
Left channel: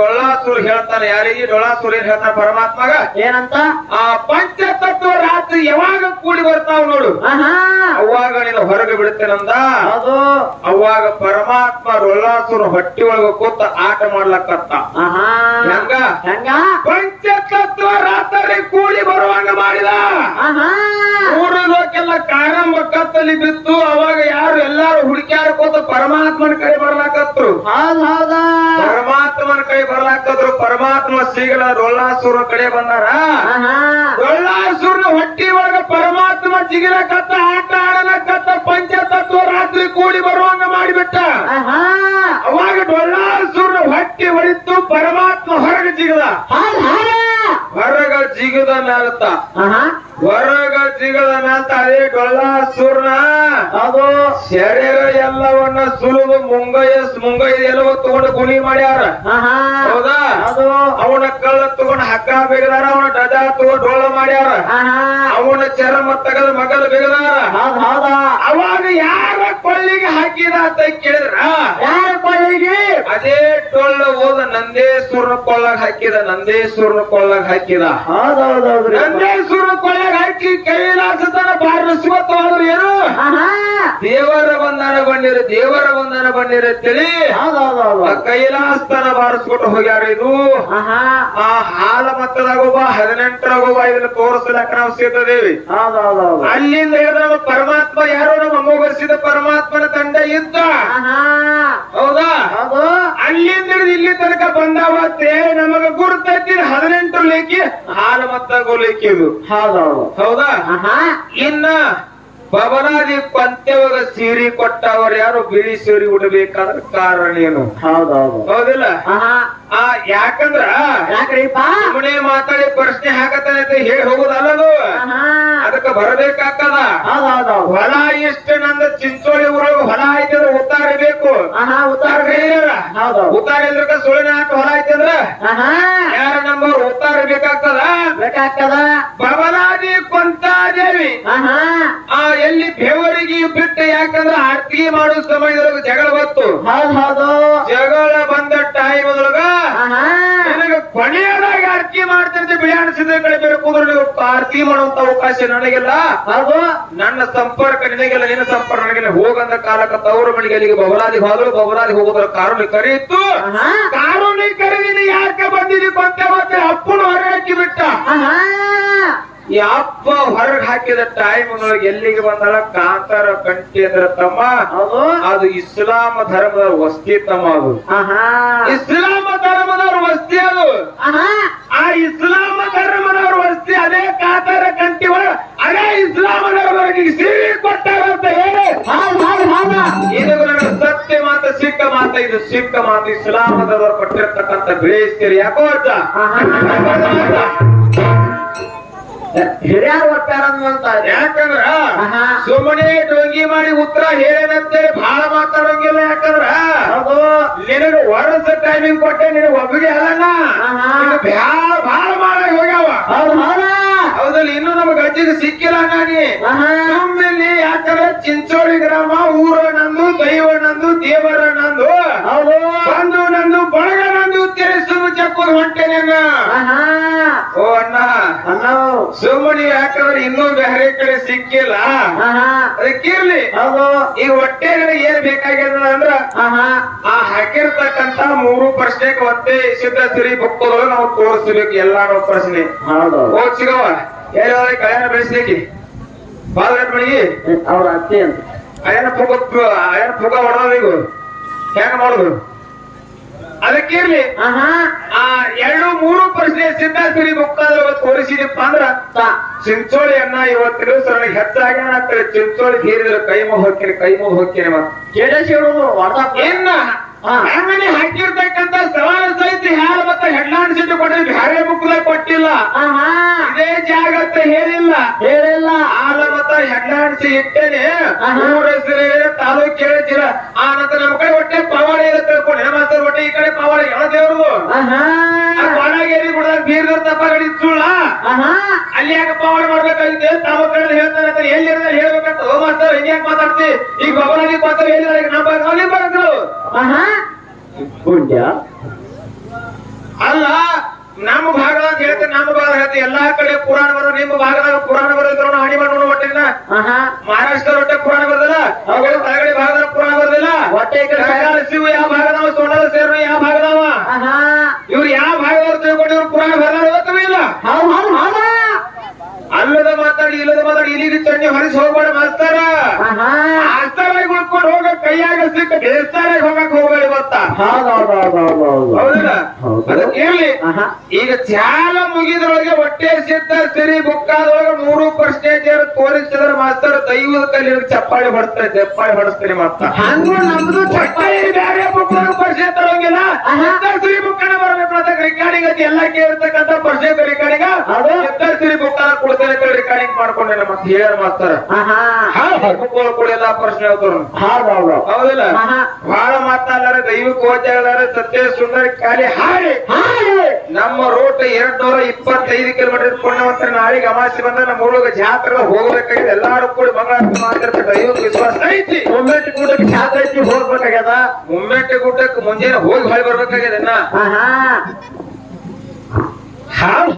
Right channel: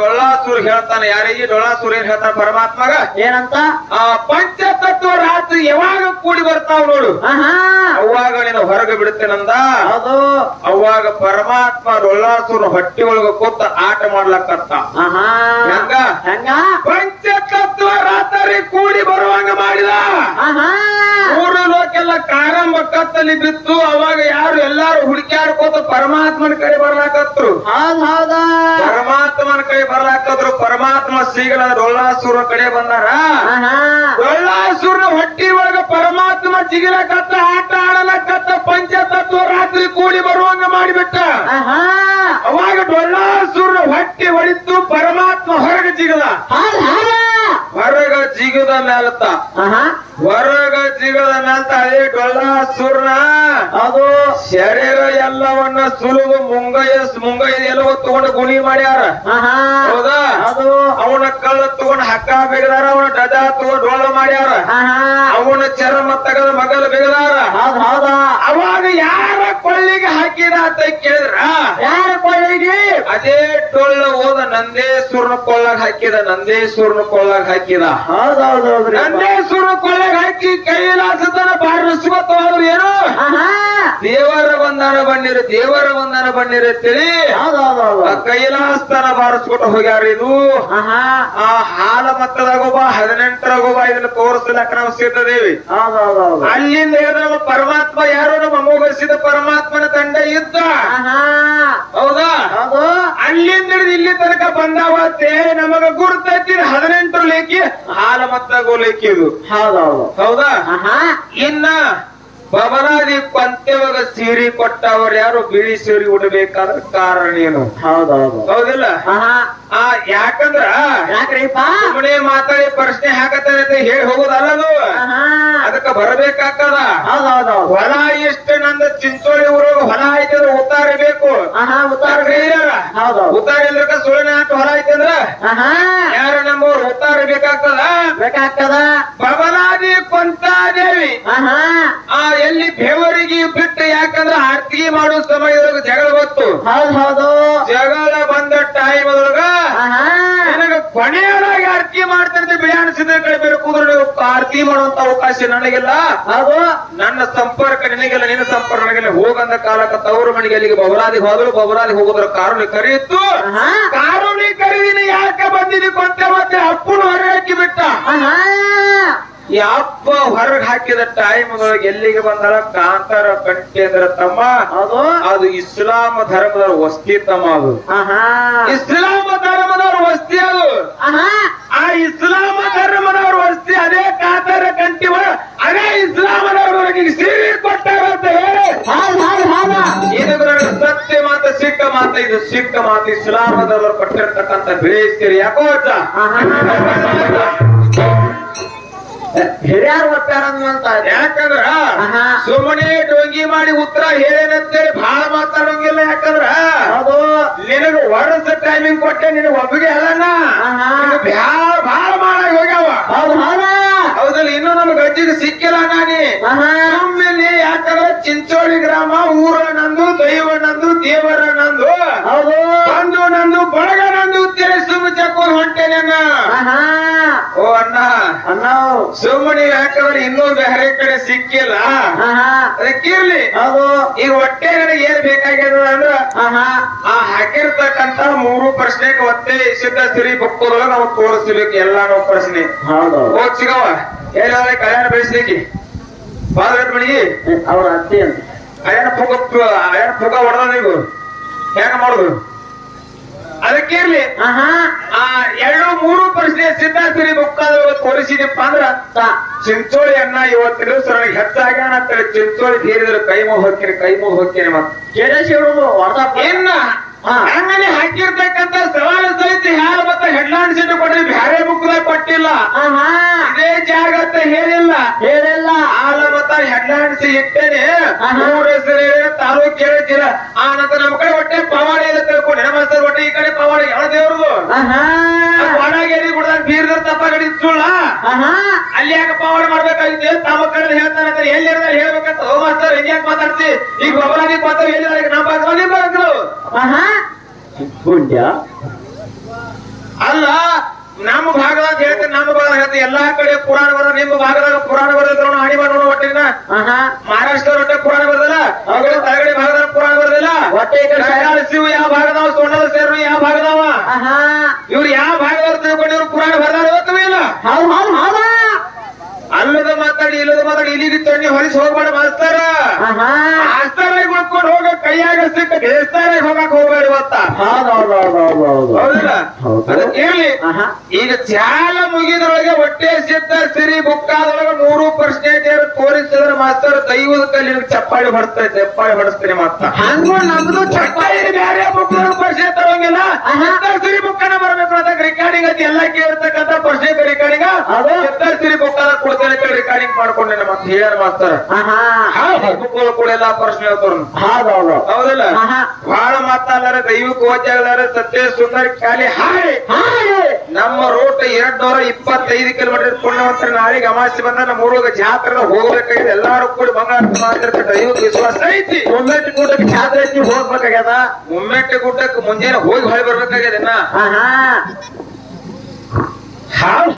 ಡೊಳ್ಳಾಸುರ ಹೇಳ್ತಾನೆ ಯಾರಿಗೆ ಡೊಳ್ಳಾಸುರ ಏನ್ ಹೇಳ್ತಾನೆ ಪರಮಾತ್ಮಗ ಏನಂತ? ಆ ಪಂಚತತ್ವ ರಾತ್ರಿ ಯಾವಾಗ ಕೂಡಿ ಬರ್ತಾವ ನೋಡು. ಅವಾಗ ನೀನು ಹೊರಗೆ ಬಿಡುತ್ತೇನಂದ ಅದು. ಅವಾಗ ಪರಮಾತ್ಮ ಡೊಳ್ಳಾಸುರ ಹೊಟ್ಟಿ ಒಳಗ ಕೂತ ಆಟ ಮಾಡ್ಲಕ್ಕತ್ತ ಆಹಾ. ಹೆಂಗ? ಹೆಂಗ? ಪಂಚತತ್ವ ರಾತ್ರಿ ಕೂಡಿ ಬರುವಾಗ ಮಾಡಿದ. ಮೂರು ಲೋಕೆಲ್ಲ ಕತ್ತಲ್ಲಿ ಬಿತ್ತು. ಅವಾಗ ಯಾರು ಎಲ್ಲಾರು ಹುಡುಕ್ಯಾಡ್ಕೋತ ಪರಮಾತ್ಮನ ಕೈ ಬರ್ಲಾಕತ್ರು ಪರಮಾತ್ಮನ ಕೈ ಬರ್ಲಾಕತ್ರು ಪರಮಾತ್ಮ ಶ್ರೀಗಳ ಡೊಳ್ಳಾಸುರ ಕಡೆ ಬಂದಾರ. ಆಹಾ. ಡೊಳ್ಳಾಸುರನ ಹೊಟ್ಟಿ ಒಳಗ ಪರಮಾತ್ಮ ಜಿಗಿಲಕತ್ತ ಆಟ ಆಡಲಕತ್ತ ಪಂಚತತ್ವ ರಾತ್ರಿ ಕೂಡಿ ಬರುವಂಗ ಮಾಡಿಬಿಟ್ಟ. ಅವಾಗ ಡೊಳ್ಳಾಸುರ ಹೊಟ್ಟಿ ಹೊಡಿತು ಪರಮಾತ್ಮ ಹೊರಗ ಜಿಗದ. ಹೊರಗ ಜಿಗದ ಮೇಲತ್ತ ಆಹಾ ಹೊರಗ ಜಿಗದ ಮೇಲತ್ತ ಅದೇ ಡೊಳ್ಳಾಸುರನ ಹೌದು ಶರೀರ ಎಲ್ಲವನ್ನ ಸುಲಿದು ಮುಂಗೈ ಮುಂಗೈ ಎಲ್ಲವ ತಗೊಂಡು ಗುಣಿ ಮಾಡ್ಯಾರ ಆಹಾ ಹೌದಾ? ಅವನ ಕಳ್ಳ ತಗೊಂಡ ಹಕ್ಕ ಬೆಗದಾರ ಅವನ ಡಜ ತಗೊಂಡ್ ಡೋಳ ಮಾಡ್ಯಾರ. ಅವನ ಚರ್ಮ ತಗದ ಮಗಲ ಬೆಗದಾರ. ಅವಾಗ ಯಾರ ಕೊಳ್ಳಿಗೆ ಹಾಕಿದ ಅಂತ ಕೇಳಿದ್ರ? ಯಾರ ಕೊಳ್ಳಿಗೆ ಅದೇ ಡೊಳ್ಳು ಹೋದ ನಂದೇಶ್ವರನ ಕೊಳ್ಳಾಗ ಹಾಕಿದ ನಂದೇಶ್ವರನ ಕೊಳ್ಳಾಗ ಹಾಕಿದ. ನಂದೇಶ್ವರನ ಕೊಳ್ಳಾಗ ಹಾಕಿ ಕೈಲಾಸತನ ಬಾರಿಸ್ಕೊತ ಹೋದ್ರು ಏನು? ದೇವರ ಬಂಧನ ಬನ್ನಿರ ದೇವರ ಬಂಧನ ಬನ್ನಿರು ಅಂತೇಳಿ ಕೈಲಾಸ್ತನ ಬಾರಿಸ್ಬಿಟ್ಟು ಹೋಗ್ಯಾರ ಇದು. ಆ ಹಾಲ ಮತ್ತದಾಗೊಬ್ಬ ಹದಿನೆಂಟರಾಗೊಬ್ಬ ಇದನ್ನ ತೋರಿಸಲಕ್ಕ ನಾವು ಸಿದ್ಧದೇವಿ? ಅಲ್ಲಿಂದ ಪರಮಾತ್ಮ ಯಾರೋ ನಮ್ಮ ಪರಮಾತ್ಮನ ತಂಡ ಇದ್ದ. ಹೌದಾ? ಅಲ್ಲಿಂದ ಇಲ್ಲಿ ತನಕ ಬಂದಾವತ್ತೆ ನಮಗ ಗುರುತೈತಿ ಹದಿನೆಂಟರ ಲೇಖಿ ಹಾಲ ಮತ್ತಾಗೋ ಲೇಖಿ ಇದು. ಹೌದಾ? ಇನ್ನ ಬಬಲಾದಿ ಸೀರಿ ಸೀರೆ ಕೊಟ್ಟವರು ಯಾರು? ಬಿಳಿ ಸೀರೆ ಉಡಬೇಕಾದ ಕಾರಣ ಏನು? ಹೌದಿಲ್ಲ? ಯಾಕಂದ್ರೆ ಆ ಯಾಕಂದ್ರ? ಯಾಕ್ರಿಪ್ಪ? ಮಾತಾಡಿ ಪ್ರಶ್ನೆ ಹಾಕತ್ತ ಹೇಳಿ ಹೋಗುದಲ್ಲದು? ಅದಕ್ಕ ಬರಬೇಕಾಗ್ತದ? ಹೊಲ ಇಷ್ಟ ನಂದ ಚಿಂಚೋಳಿ ಊರಾಗ ಹೊಲ ಐತಂದ್ರ ಉತ್ತಾರ ಬೇಕು. ಉತ್ತಾರ ಹೌದು. ಉತ್ತಾರ ಇಲ್ದಕ್ಕ ಸುಳಿನ ಹಾಕಿ ಹೊಲ ಐತಂದ್ರ ಯಾರ ನಮ್ಮವ್ರು ಉತ್ತಾರ ಬೇಕಾಗ್ತದ? ಬೇಕಾಗ್ತದ. ಬಬಲಾದಿ ಕೊಂತಾದೇವಿ. ಆ ಎಲ್ಲಿ ಬೆವರಿಗೆ ಬಿಟ್ಟು ಯಾಕಂದ್ರೆ ಆರ್ತಿ ಮಾಡೋ ಸಮಯದಾಗ ಜಗಳ ಹೌದು ಜಗಳ ಬಂದ ಟೈಮ್ ಒಳಗ ನನಗೆ ಮಾಡ್ತಿರ್ತೆ ಬಿಳಿಯಾಣಿಸಿದ ಕಡೆ ಬೇರೆ ಕೂದ್ರು ನೀವು ಆರತಿ ಮಾಡುವಂತ ಅವಕಾಶ ನನಗಿಲ್ಲ. ನಾವು ನನ್ನ ಸಂಪರ್ಕ ನಿನಗಿಲ್ಲ ನಿನ್ನ ಸಂಪರ್ಕ ನನಗಿಲ್ಲ. ಹೋಗಂದ ಕಾಲಕ್ಕ ತವರು ಮನೆಗೆ ಅಲ್ಲಿಗೆ ಬಬಲಾದಿ ಹೋದ್ರು ಬಬಲಾದಿ ಹೋಗೋದ್ರ ಕಾರುಣಿ ಕರೆಯಿತು ಕಾರುಣಿ ಕರೆದಿನಿ ಯಾಕೆ ಬಂದಿನಿ ಕೊಟ್ಟೆ ಮತ್ತೆ ಅಪ್ಪನ ಹೊರಗೆ ಹಾಕಿ ಬಿಟ್ಟ. ಅಪ್ಪ ಹೊರಗೆ ಹಾಕಿದ ಟೈಮ್ ಎಲ್ಲಿಗೆ ಬಂದಳ? ಕಾಂತಾರ ಕಂಟಿ ಅಂದ್ರ ತಮ್ಮ. ಅದು ಇಸ್ಲಾಂ ಧರ್ಮದ ವಸ್ತಿ ತಮ್ಮ ಅದು. ಇಸ್ಲಾಮ ಇಸ್ಲಾಂ ಧರ್ಮದ ವಸ್ತಿ ಅದು. ಆ ಇಸ್ಲಾಂ ಕಾತರ ಅದೇ ಕಾತರ ಒಳ ಅದೇ ಇಸ್ಲಾಮದವರಿಗೆ ಸೀರೆ ಕೊಟ್ಟಾರ ಅಂತ ಹೇಳಿ ಸತ್ಯ ಮಾತ ಸಿಕ್ಕ ಮಾತ ಇದು ಸಿಕ್ಕ ಮಾತು ಇಸ್ಲಾಮದವರು ಕೊಟ್ಟಿರ್ತಕ್ಕಂಥ ಬೇಯಿಸ್ತೀರಿ ಯಾಕೋ ಅಜ್ಜ? ಹಿರಿಯರು ಅನ್ನುವಂತ ಯಾಕಂದ್ರ. ಸುಮ್ಮನೆ ಡೊಂಗಿ ಮಾಡಿ ಉತ್ತರ ಹೇಳೇನಂತೇಳಿ ಬಹಳ ಮಾತಾಡೋಂಗಿಲ್ಲ ಯಾಕಂದ್ರ? ನಿನಗ ವರ್ಷ ಟೈಮಿಂಗ್ ಕೊಟ್ಟೆ ನಿನಗ ಒಬ್ಬಗೆ ಅಲ್ಲಣ್ಣ. ಬ್ಯಾಳ ಬಹಳ ಮಾಡ ಹೋಗ್ಯಾವ ಹೌದು ಹೌದು ಹೌದಲ್ಲ ಇನ್ನೂ ನಮ್ಗೆ ಗಜ್ಜಿಗೆ ಸಿಕ್ಕಿಲ್ಲ ನಾನಿ ಸುಮ್ಮನೆ ಯಾಕಂದ್ರ ಚಿಂಚೋಳಿ ಗ್ರಾಮ ಊರ ನಂದು ದೈವ ನಂದು ದೇವರ ನಂದು. ಬಂದು ನಂದು ಬಳಗ ನಂದು ತಿಳಿ ಚಕ್ಕು ಹೊಂಟೇನೆ ಓ ಅಣ್ಣ. ಅಣ್ಣ. ಸುಮ್ಮನೆ ಯಾಕಂದ್ರೆ ಇನ್ನೂ ಬೇರೆ ಕಡೆ ಸಿಕ್ಕಿಲ್ಲ. ಅದಕ್ಕಿರ್ಲಿ ಹೌದು. ಈಗ ಹೊಟ್ಟೆಗಳ ಏನ್ ಬೇಕಾಗ್ಯದ ಅಂದ್ರ ಆ ಹಾಕಿರ್ತಕ್ಕಂತ ಮೂರು ಪ್ರಶ್ನೆಗೆ ಒತ್ತೆ ಸಿದ್ಧ ಸಿರಿ ಭಕ್ತರು ನಾವು ತೋರಿಸ್ಬೇಕು ಎಲ್ಲಾನು ಪ್ರಶ್ನೆ. ಹೌದು. ಎಲ್ಲ ಕಲ್ಯಾಣ ಬೆಳೆಸ್ಲಿಕ್ಕೆ. ಮಣಿ ಅವ್ರ ಅತ್ತಿ ಅಂತ. ಅಯ್ಯನ ಪುಗ ಅಯ್ಯನ ಪುಗ ಹೊಡೆದ ನೀವು ಹೆಂಗ್ ಮಾಡುದು? ಅದಕ್ಕಿರ್ಲಿ ಆ ಎರಡು ಮೂರು ಪ್ರಶ್ನೆ ಸಿದ್ಧಾರ್ಥಿ ಸಿರಿ ಭಕ್ತಾದ್ರು ತೋರಿಸಿದಪ್ಪ ಅಂದ್ರ ಚಿಂಚೋಳಿ ಅನ್ನ ಇವತ್ತಿನ ನನಗೆ ಹೆಚ್ಚಾಗ್ಯಾನ ಅಂತ ಚಿಂಚೋಳಿ ತೀರಿದ್ರೆ ಕೈ ಮುಗ್ ಹೋಗ್ತೀನಿ ಕೈ ಮುಗ್ ಹೋಗ್ತೀನಿ ಮತ್ತೆ. ಹೊಡೆದ ಇನ್ನ ಹಾ. ಆಮೇಲೆ ಹಾಕಿರ್ತಕ್ಕಂತ ಸವಾಲು ಸಹಿತ ಹಾಲು ಮತ್ತೆ ಸಿಟ್ಟು ಬ್ಯಾರೆ ಬುಕ್ಲೆ ಕೊಟ್ಟಿಲ್ಲ. ಆಹಾ. ಇದೇ ಜಾಗ ಅಂತ ಹೇಳಿಲ್ಲ. ಹೇಳಿಲ್ಲ. ಆಲ ಮತ್ತ ಹೆಡ್ಲಾಂಡ್ಸಿ ಇಟ್ಟೇನೆ. ಆಹಾ. ಊರ ಹೆಸರು ಹೇಳಿ ತಾಲೂಕ್ ಆ ನಂತರ ನಮ್ಮ ಕಡೆ ಹೊಟ್ಟೆ ಪವಾಡಿ ಅಂತ ತಿಳ್ಕೊಂಡು ಹೆಣ್ಮಸ್ತರ ಹೊಟ್ಟೆ ಈ ಕಡೆ ಪವಾಡಿ ಯಾವ ದೇವ್ರು. ಬಾಳಗೇರಿ ಗುಡ್ದಾಗ ಬೀರ್ದ ತಪ್ಪ ಗಡಿ ಸುಳ್ಳ. ಆಹಾ. ಅಲ್ಲಿ ಯಾಕೆ ಪವಾಡಿ ಮಾಡ್ಬೇಕಾಗಿತ್ತು? ತಮ್ಮ ಕಡೆ ಹೇಳ್ತಾರೆ ಅಂತ ಎಲ್ಲಿ ಹೇಳ್ಬೇಕಂತ ಓ ಮಾಸ್ತರ್ ಹೆಂಗ್ ಯಾಕೆ ಮಾತಾಡ್ತಿ? ಈಗ ಭಗವಾನಿ ಮಾತಾಡ ಎಲ್ಲಿ ನಮ್ಮ ಬರಗಳು ಅಲ್ಲ ನಮ್ಮ ಭಾಗದಾಗ ಹೇಳ್ತೀನಿ ನಮ್ಮ ಭಾಗ ಹೇಳ್ತೀನಿ ಎಲ್ಲಾ ಕಡೆ ಪುರಾಣ ಬರೋ ನಿಮ್ಮ ಭಾಗದಾಗ ಪುರಾಣ ಬರೋದ್ರ ಹಾನಿ ಮಾಡೋಣ ಒಟ್ಟಿನ ಮಹಾರಾಷ್ಟ್ರ ಒಟ್ಟೆ ಪುರಾಣ ಬರೋದಿಲ್ಲ ಅವುಗಳ ತಳಗಡೆ ಭಾಗದಾಗ ಪುರಾಣ ಬರೋದಿಲ್ಲ. ಹೊಟ್ಟೆ ಶಿವ ಯಾವ ಭಾಗದವ ಸೋಣದ ಸೇರು ಯಾವ ಭಾಗದವ? ಇವ್ರು ಯಾವ ಭಾಗದವ್ರು ತಿಳ್ಕೊಂಡು ಇವ್ರು ಪುರಾಣ ಬರೋದು ಇಲ್ಲ. ಹೌದು ಹೌದು ಹೌದು. ಅಲ್ಲದ ಮಾತಾಡಿ ಇಲ್ಲದ ಮಾತಾಡಿ ಇಲ್ಲಿ ತಣ್ಣಿ ಹೊರಿಸಿ ಹೋಗ್ಬೇಡ ಮಾಸ್ತಾರ. ಆಸ್ತಾರಾಗ ಉಳ್ಕೊಂಡು ಹೋಗ ಕೈಯಾಗ ಸಿಕ್ಕ ದೇವಸ್ಥಾನ ಹೋಗಕ್ ಹೋಗ್ಬೇಡ ಇವತ್ತ. ಹೌದು ಹೌದು ಹೌದು ಹೌದು. ಹೇಳಿ ಈಗ ಚಾಲ ಮುಗಿದ್ರೊಳಗೆ ಹೊಟ್ಟೆ ಸಿದ್ಧ ಸಿರಿ ಬುಕ್ಕಾದೊಳಗೆ ಮೂರು ಪರ್ಸೆಂಟ್ ತೋರಿಸಿದ್ರೆ ಮಾತ್ರ ದೈವದ ಕಲ್ಲಿನ ಚಪ್ಪಾಳಿ ಬಡಿಸ್ತಾರೆ ಚಪ್ಪಾಳಿ ಬಡಿಸ್ತಾರೆ ಮಾತ್ರ. ಹಂಗ ನಮ್ದು ಚಪ್ಪಾಳಿ ಅದು ಎಲ್ಲ ಕೇಳಿರ್ತಕ್ಕಂಥ ಪ್ರಶ್ನೆ ರೆಕಾರ್ಡಿಂಗ್ ಹೌದು. ಸಿದ್ಧ ಸಿರಿ ಬುಕ್ಕನ ಕೊಡ್ತೇನೆ ಅಂತ ರೆಕಾರ್ಡಿಂಗ್ ಮಾಡ್ಕೊಂಡೆ ನಮ್ಮ ಹೇಳ ಮಾಸ್ತರ. ಬುಕ್ಗಳು ಕೂಡ ಎಲ್ಲ ಪ್ರಶ್ನೆ ಹೇಳ್ತಾರ ಹೌದು ಹೌದು. ಹೌದಿಲ್ಲ? ಬಹಳ ದೈವ ದೈವಿಕ ಓದ್ಯಾಳಾರ ಸತ್ಯ ಸುಂದರ ಖಾಲಿ ಹಾಗೆ ನಮ್ಮ ರೂಟ್ ಎರಡ್ ನೂರ ಇಪ್ಪತ್ತೈದು ಕಿಲೋಮೀಟರ್ ಪುಣ್ಯವಂತರ ನಾಳೆಗೆ ಅಮಾವಾಸ್ಯೆ ಬಂದ ನಮ್ಮ ಊರಿಗೆ ಜಾತ್ರೆ ಹೋಗ್ಬೇಕಾಗಿದೆ. ಎಲ್ಲಾರು ಕೂಡ ಮಾಡ್ತಿರ್ತಾರೆ. ದೈವದ ವಿಶ್ವಾಸ ಐತಿ. ಒಮ್ಮೆಟ್ಟು ಗುಡ್ಡಕ್ಕೆ ಜಾತ್ರೆ ಐತಿ ಹೋಗ್ಬೇಕಾಗ್ಯದ? ಮುಮ್ಮೆಟ್ಟೆ ಗುಡ್ಡಕ್ಕೆ ಮುಂಜಾನೆ ಹೋಗಿ ಹೊಳೆ ಬರ್ಬೇಕಾಗಿದೆ ಇನ್ನ ಆಹಾ ಹಾ